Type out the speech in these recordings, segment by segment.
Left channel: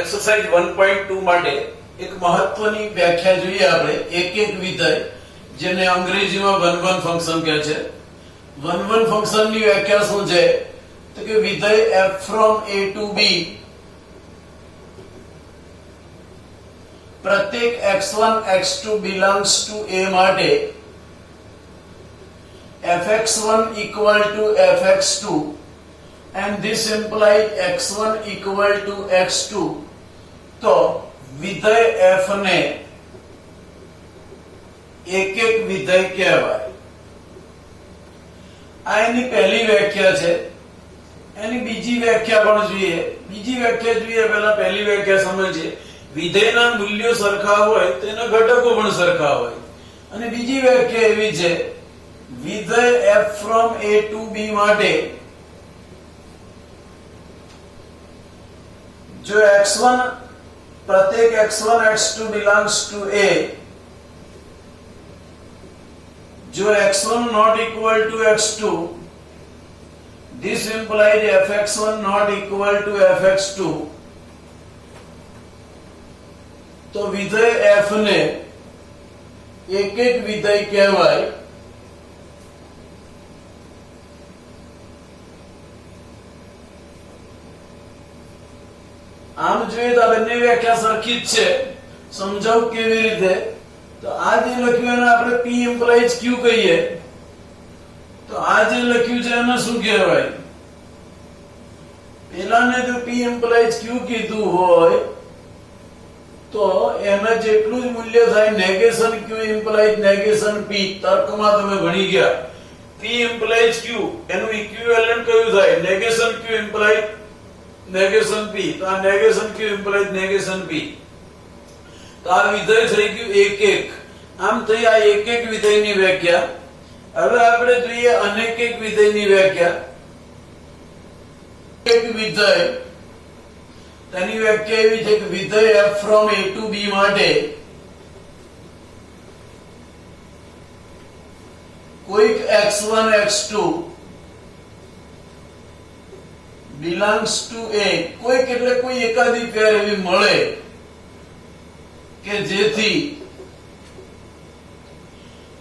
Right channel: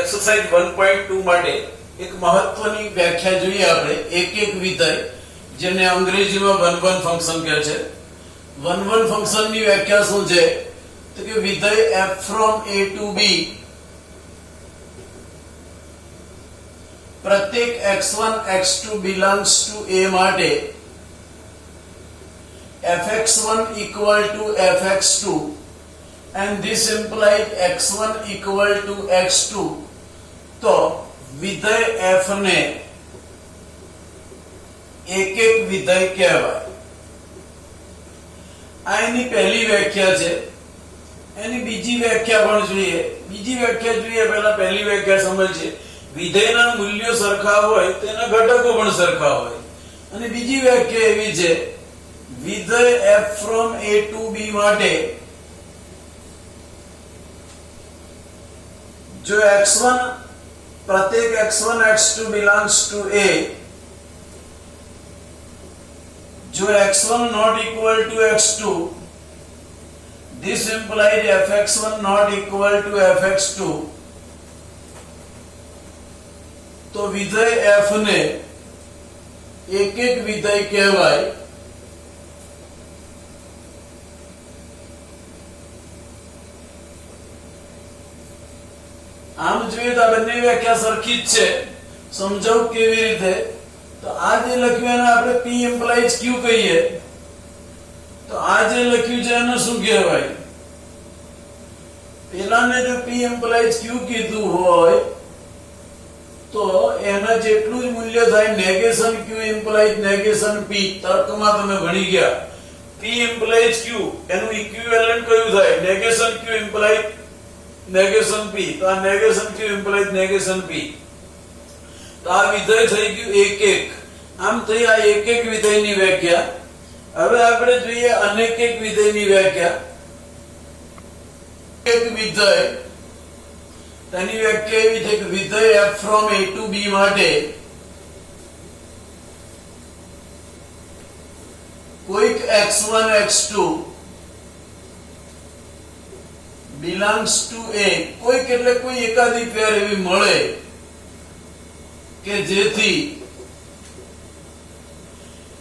Exercise 1.2 માટે એક મહત્વની વ્યાખ્યા જોઈએ આપણે એક એક વિધેય જેને અંગ્રેજીમાં વન વન ફંક્શન કહે છે. વન વન ફંક્શનની વ્યાખ્યા શું છે તો કે વિધેય f from a to b પ્રત્યેક x1 x2 belongs to a માટે fx1 equal to fx2 and this implies x1 equal to x2. तो विधेय f ने एक एक विधेय કહેવાય. આ એની પહેલી વ્યાખ્યા છે. એની બીજી વ્યાખ્યા પણ જોઈએ. બીજી વ્યાખ્યા જોઈએ પહેલા પહેલી વ્યાખ્યા સમજીએ. વિધેયના મૂલ્યો સરખા હોય તેના ઘટકો પણ સરખા હોય. અને બીજી વ્યાખ્યા એવી છે વિધેય f from a to b માટે जो x1 प्रत्येक x1 x2 belongs to a, जो x1 not equal to x2, this implies fx1 not equal to fx2. तो विधेय f ने एक एक विधेय कहवाय. આમ જોઈએ તો બંને વ્યાખ્યા સરખી જ છે. સમજાવું કેવી રીતે તો આ જે લખ્યું એને આપણે p ઇમ્પ્લાઇઝ q કહીએ તો આ જે લખ્યું છે એને શું કહેવાય? પેલાને જો p ઇમ્પ્લાઇઝ q કીધું હોય તો એના જેટલું જ મૂલ્ય થાય negation q implies negation p. તર્કમાં તમે ભણી ગયા p ઇમ્પ્લાઇઝ q એનું ઇક્વિવેલન્ટ કયું થાય? Negation q implies negation p. तो आ negation q implies negation p. तो आ विधेय થઈ ગયું એક એક. આમ થઈ આ એક એક વિધેયની વ્યાખ્યા. હવે આપણે જોઈએ અનેક એક વિધેયની વ્યાખ્યા. એક વિધેય તેની વ્યાખ્યા એવી છે કે વિધેય f from a to b માટે કોઈક x1 x2 belongs to a. કોઈક એટલે કોઈ એકાદી પેર એવી મળે કે જેથી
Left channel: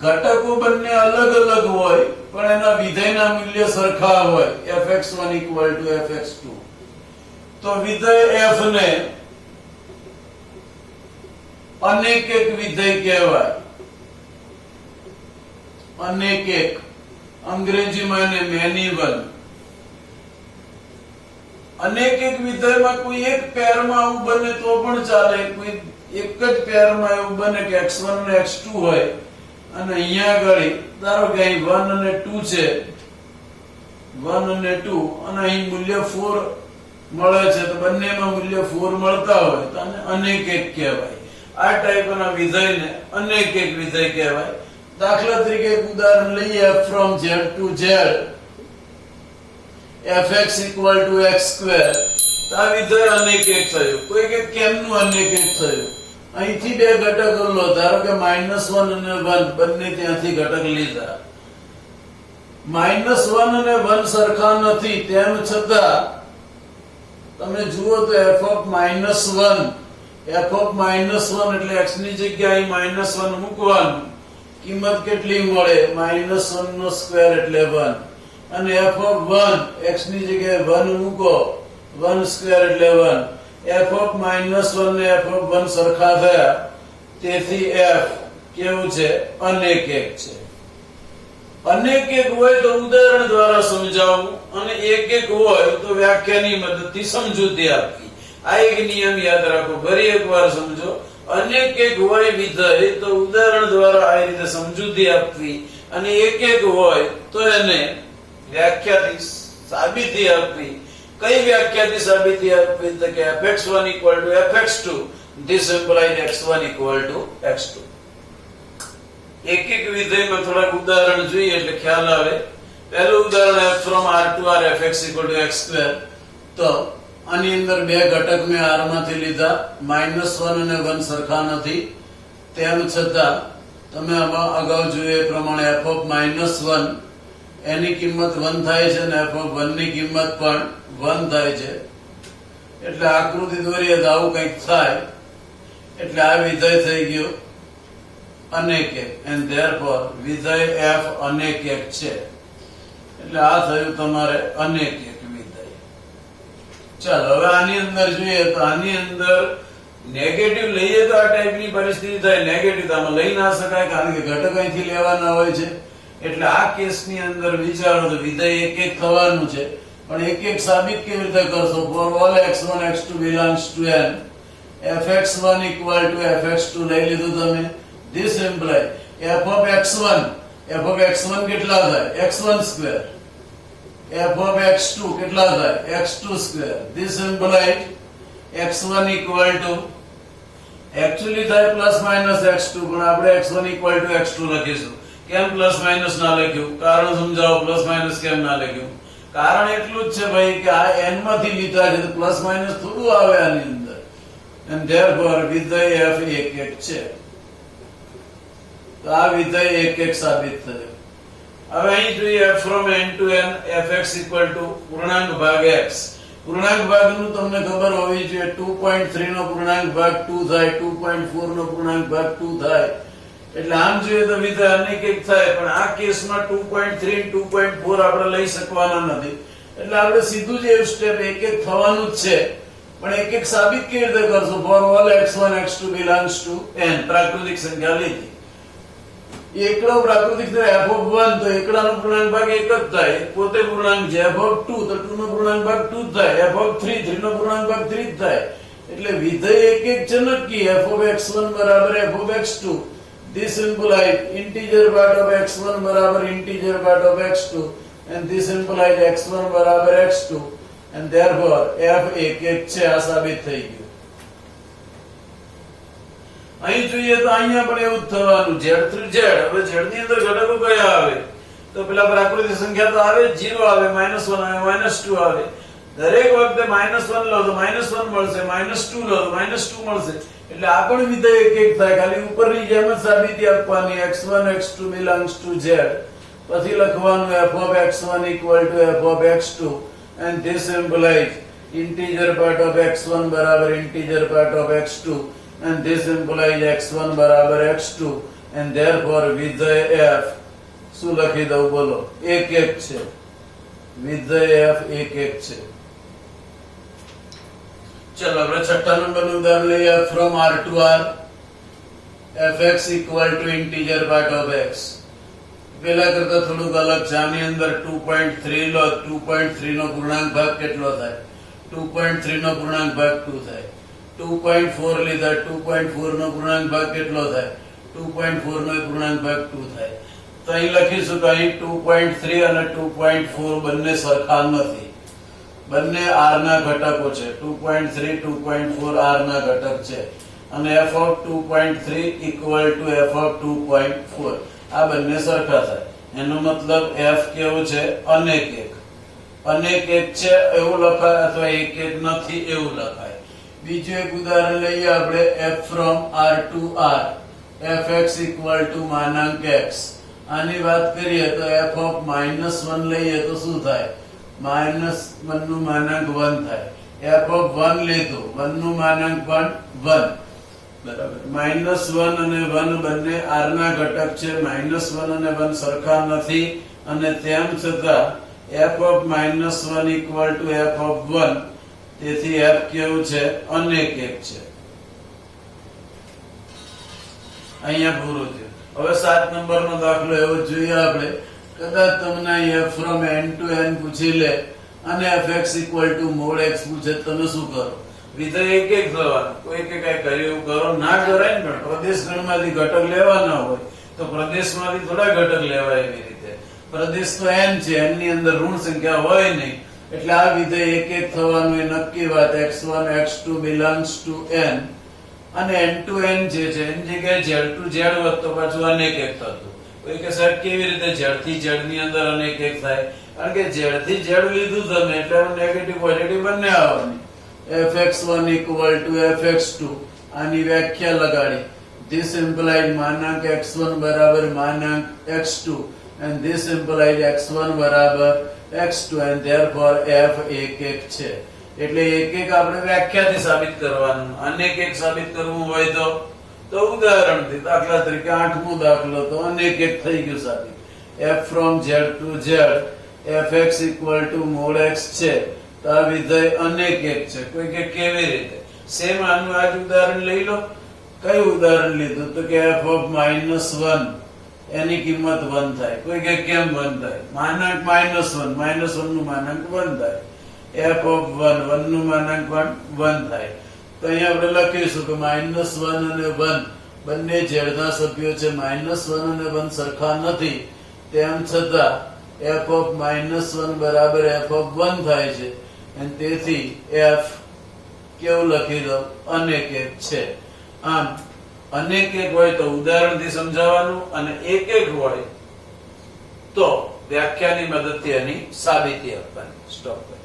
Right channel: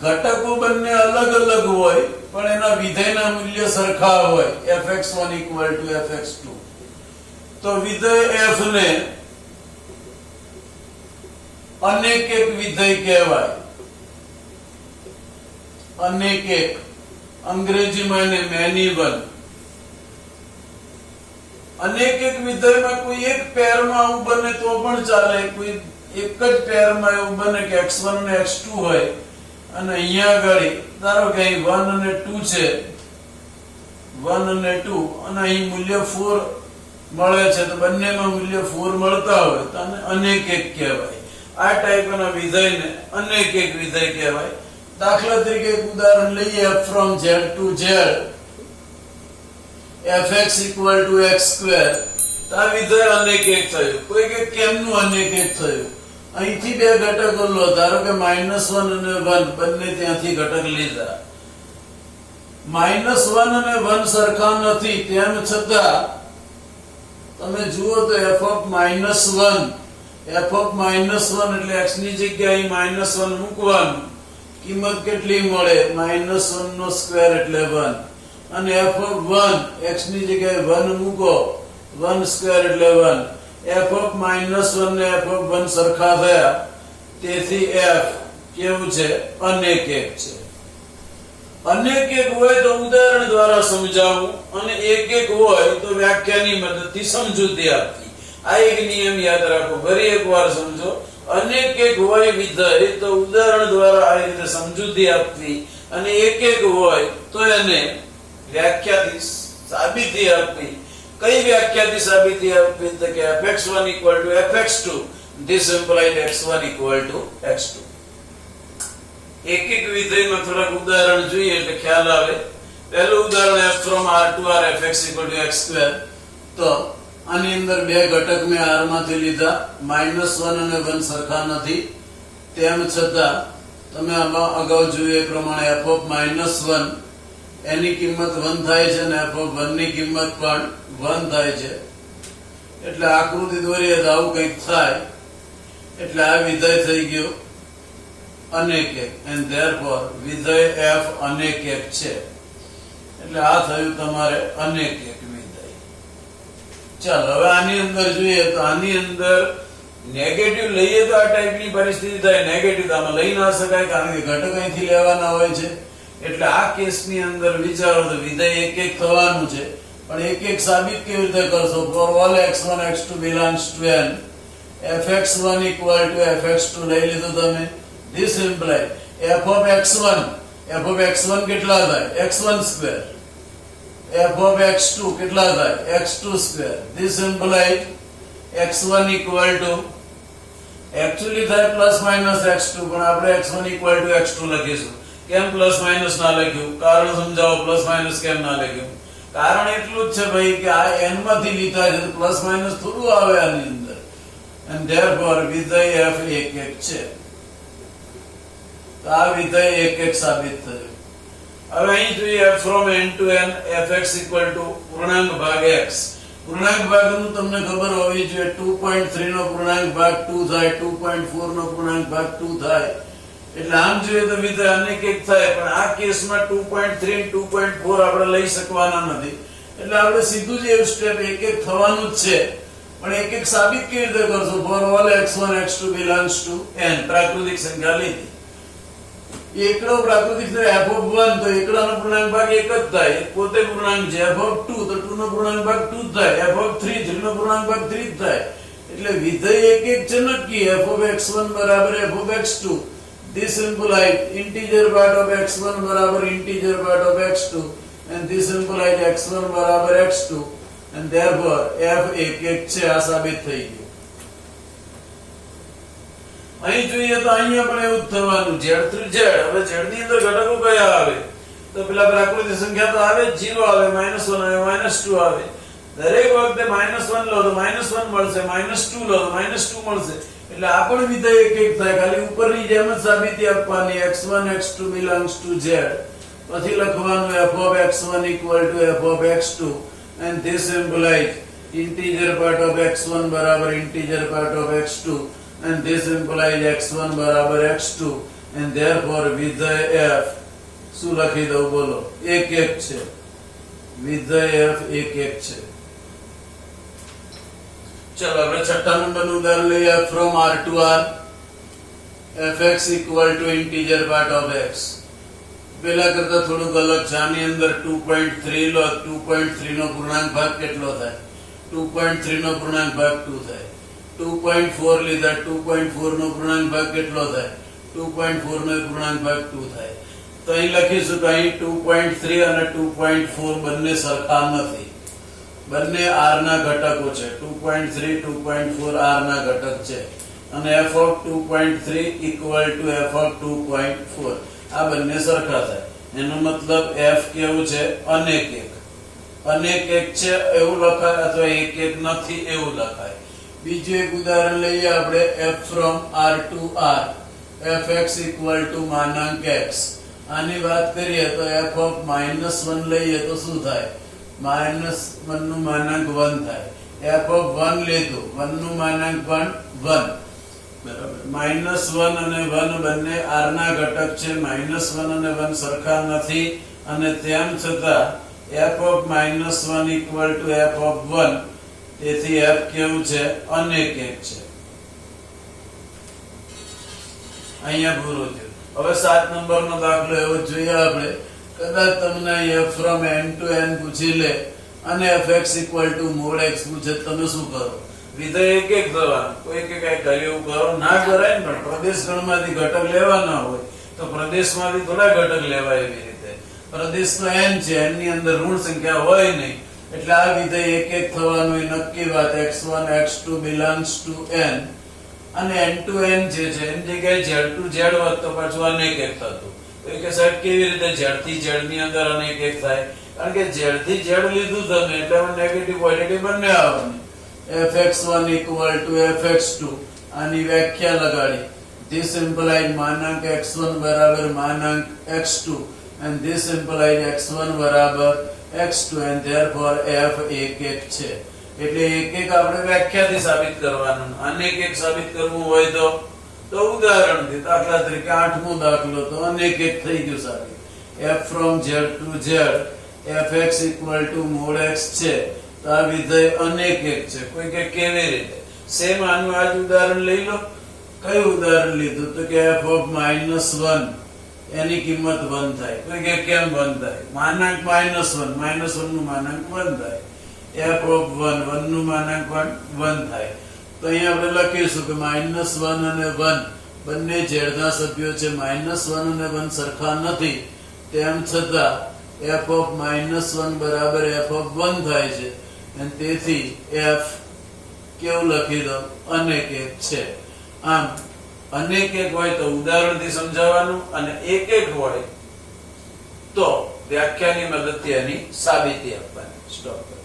ઘટકો બંને અલગ અલગ હોય પણ એના વિધેયના મૂલ્ય સરખા હોય fx1 equal to fx2. તો વિધેય f ને અનેક એક વિધેય કહેવાય. અનેક એક અંગ્રેજીમાં એને મેની વન. અનેક એક વિધેયમાં કોઈ એક પેરમાં આવું બને તો પણ ચાલે. કોઈ એક જ પેરમાં એવું બને કે x1 અને x2 હોય અને અહીંયા આગળ ધારો કે અહીં 1 અને 2 છે 1 અને 2 અને અહીં મૂલ્ય 4 મળે છે તો બંનેમાં મૂલ્ય 4 મળતા હોય તો આને અનેક એક કહેવાય. આ ટાઈપના વિધેયને અનેક એક વિધેય કહેવાય. દાખલા તરીકે એક ઉદાહરણ લઈએ f from z to z fx equal to x square. તો આ વિધેય અનેક એક થયું. કોઈ કે કેમનું અનેક એક થયું? અહીંથી બે ઘટકો લો. ધારો કે -1 અને 1 બંને ત્યાંથી ઘટક લીધા. -1 અને 1 સરખા નથી તેમ છતાં તમે જુઓ તો f of -1 એટલે x ની જગ્યાએ -1 મૂકવાનું. કિંમત કેટલી મળે? -1 નો સ્ક્વેર એટલે 1. અને f of 1 x ની જગ્યાએ 1 મૂકો 1 સ્ક્વેર એટલે 1. f of -1 ને f of 1 સરખા થયા તેથી f કેવું છે? અનેક એક છે. અનેક એક હોય તો ઉદાહરણ દ્વારા સમજાવવું અને એક એક હોય તો વ્યાખ્યાની મદદથી સમજૂતી આપવી. આ એક નિયમ યાદ રાખો. ફરી એકવાર સમજો. અનેક એક હોય વિધેય તો ઉદાહરણ દ્વારા આ રીતે સમજૂતી આપવી અને એક એક હોય તો એને વ્યાખ્યાથી સાબિતી આપવી. કઈ વ્યાખ્યાથી સાબિતી આપવી? તો કે fx1 equal to fx2 this implies x1 equal to x2. એક એક વિધેયમાં થોડાક ઉદાહરણ જોઈએ એટલે ખ્યાલ આવે. પહેલું ઉદાહરણ f from r to r fx equal to x square. તો આની અંદર બે ઘટક મેં r માંથી લીધા. -1 અને 1 સરખા નથી તેમ છતાં તમે આમાં અગાઉ જોયું એ પ્રમાણે f of -1 એની કિંમત 1 થાય છે અને f of 1 ની કિંમત પણ 1 થાય છે. એટલે આકૃતિ દોરીએ તો આવું કંઈક થાય. એટલે આ વિધેય થઈ ગયું અનેક એક, એન્ડ ધેરફોર વિધેય f અનેક એક છે. એટલે આ થયું તમારે અનેક એક વિધેય. ચાલો હવે આની અંદર જોઈએ તો આની અંદર નેગેટિવ લઈએ તો આ ટાઈપની પરિસ્થિતિ થાય. નેગેટિવ તો આમાં લઈ ના શકાય કારણ કે ઘટક અહીંથી લેવાના હોય છે. એટલે આ કેસની અંદર વિચારો તો વિધેય એક એક થવાનું છે, પણ એક એક સાબિત કેવી રીતે કરશો? For all x1 x2 belongs to n, fx1 equal to fx2 લઈ લીધું તમે. This imply f of x1 કેટલા થાય? x1 square. f of x2 કેટલા થાય? x2 square. This imply x1 equal to actually થાય પ્લસ માઇનસ x2, પણ આપણે x1 equal to x2 લખીશું. કેમ પ્લસ માઇનસ ના લખ્યું? કારણ સમજાવો. પ્લસ માઇનસ કેમ ના લખ્યું? કારણ એટલું જ છે ભાઈ કે આ n માંથી લીધા છે, પ્લસ માઇનસ થોડું આવે આની અંદર. and therefore વિધેય f એક એક છે. તો આ વિધેય એક એક સાબિત થયું. હવે અહીં જોઈએ f from n to n fx equal to પૂર્ણાંક ભાગ x. પૂર્ણાંક ભાગનું તમને ખબર હોવી જોઈએ. 2.3 નો પૂર્ણાંક ભાગ 2 થાય, 2.4 નો પૂર્ણાંક ભાગ 2 થાય. એટલે આમ જોઈએ તો વિધેય અનેક એક થાય, પણ આ કેસમાં 2.3 2.4 આપણે લઈ શકવાના નથી. એટલે આપણે સીધું જ એવું સ્ટેપ એક એક થવાનું જ છે, પણ એક એક સાબિત કેવી રીતે કરશું? For all x1 x2 belongs to n, પ્રાકૃતિક સંખ્યા લીધી. એકડો પ્રાકૃતિક f of 1, તો એકડાનો પૂર્ણાંક ભાગ એક જ થાય, પોતે પૂર્ણાંક છે. f of 2, તો 2 નો પૂર્ણાંક ભાગ 2 જ થાય. f of 3, 3 નો પૂર્ણાંક ભાગ 3 જ થાય. એટલે વિધેય એક એક છે નક્કી. f of x1 બરાબર f of x2. This implies integer part of x1 બરાબર integer part of x2, and this implies x1 બરાબર x2, and therefore f એક એક છે. આ સાબિત થઈ ગયું. અહીં જોઈએ તો અહીંયા પણ એવું જ થવાનું. z through z. હવે z ની અંદર ઘટકો કયા આવે? તો પેલા પ્રાકૃતિક સંખ્યા તો આવે, 0 આવે, -1 આવે, -2 આવે. દરેક વખતે -1 લો તો -1 મળશે, -2 લો તો -2 મળશે. એટલે આ પણ વિધેય એક એક થાય. ખાલી ઉપરની જેમ જ સાબિતી આપવાની. x1 x2 belongs to z, પછી લખવાનું f of x1 equal to f of x2, and this implies integer part of x1 બરાબર integer part of x2, and this implies x1 બરાબર x2, and therefore વિધેય f શું લખી દઉં? બોલો. એક એક છે. વિધેય f એક એક છે. ચલો આપણે છઠ્ઠા નંબરનું ઉદાહરણ લઈએ. from r to r fx equal to integer part of x. પેલા કરતા થોડુંક અલગ છે. આની અંદર 2.3 લો, 2.3 નો પૂર્ણાંક ભાગ કેટલો થાય? 2.3 નો પૂર્ણાંક ભાગ 2 થાય. 2.4 લીધા, 2.4 નો પૂર્ણાંક ભાગ કેટલો થાય? 2.4 નો પૂર્ણાંક ભાગ 2 થાય. તો અહીં લખીશું તો અહીં 2.3 અને 2.4 બંને સરખા નથી. બંને r ના ઘટકો છે. 2.3 2.4 r ના ઘટક છે, અને f of 2.3 equal to f of 2.4 આ બંને સરખા થાય. એનો મતલબ f કેવું છે? અનેક એક. અનેક એક છે એવું લખાય, અથવા એક એક નથી એવું લખાય. બીજું એક ઉદાહરણ લઈએ આપણે. f from r to r fx equal to માનાંક x. આની વાત કરીએ તો f of -1 લઈએ તો શું થાય? -1 નું માનાંક 1 થાય. f of 1 લીધું, 1 નું માનાંક 1 બરાબર. -1 અને 1 બંને r ના ઘટક છે. -1 અને 1 સરખા નથી, અને તેમ છતાં f of -1 equal to f of 1. તેથી f કેવું છે? અનેક એક છે. અહીંયા પૂરું છે. હવે 7 નંબરનો દાખલો એવો જોઈએ આપણે. કદાચ તમને f from n to n પૂછી લે અને fx equal to mod x પૂછે, તમે શું કરો? વિધેય એક એક થવાનું. કોઈ કે કઈ કર્યું કરો ના કરાય ને, પણ પ્રદેશ ગણમાંથી ઘટક લેવાના હોય તો પ્રદેશમાંથી થોડા ઘટક લેવાય. એવી રીતે પ્રદેશ તો n છે, n ની અંદર ઋણ સંખ્યા હોય નહીં. એટલે આ વિધેય એક એક થવાનું એ નક્કી વાત. x1 x2 belongs to n, અને n to n જે છે એની જગ્યાએ z to z હોત તો પાછું અનેક એક થતું. કોઈ કે સાહેબ કેવી રીતે z થી z ની અંદર અનેક એક થાય? કારણ કે z થી z લીધું તમે એટલે નેગેટિવ પોઝિટિવ બંને આવવાની. fx1 equal to fx2 આની વ્યાખ્યા લગાડી. this implies માનાંક x1 બરાબર માનાંક x2, and this implies x1 બરાબર x2, and therefore f એક એક છે. એટલે એક એક આપણે વ્યાખ્યાથી સાબિત કરવાનું, અનેક એક સાબિત કરવું હોય તો ઉદાહરણથી. દાખલા તરીકે 8મો દાખલો તો અનેક એક થઈ ગયું સાબિત. f from z to z fx equal to mod x છે તો આ વિધેય અનેક એક છે. કોઈ કે કેવી રીતે? સેમ આનું આ જ ઉદાહરણ લઈ લો. કયું ઉદાહરણ લીધું? તો કે f of -1 એની કિંમત 1 થાય. કોઈ કે કેમ 1 થાય? માનાંક -1 નું માનાંક 1 થાય. f of 1 નું માનાંક 1 થાય. તો અહીંયા આપણે લખીશું કે -1 અને 1 બંને ઝેડના સભ્યો છે. -1 અને 1 સરખા નથી, તેમ છતાં f of -1 બરાબર f of 1 થાય છે, અને તેથી f કેવું લખી દો? અનેક એક છે. આમ અનેક એક હોય તો ઉદાહરણથી સમજાવવાનું, અને એક એક હોય તો વ્યાખ્યાની મદદથી એની સાબિતી આપવાની. સ્ટોપ.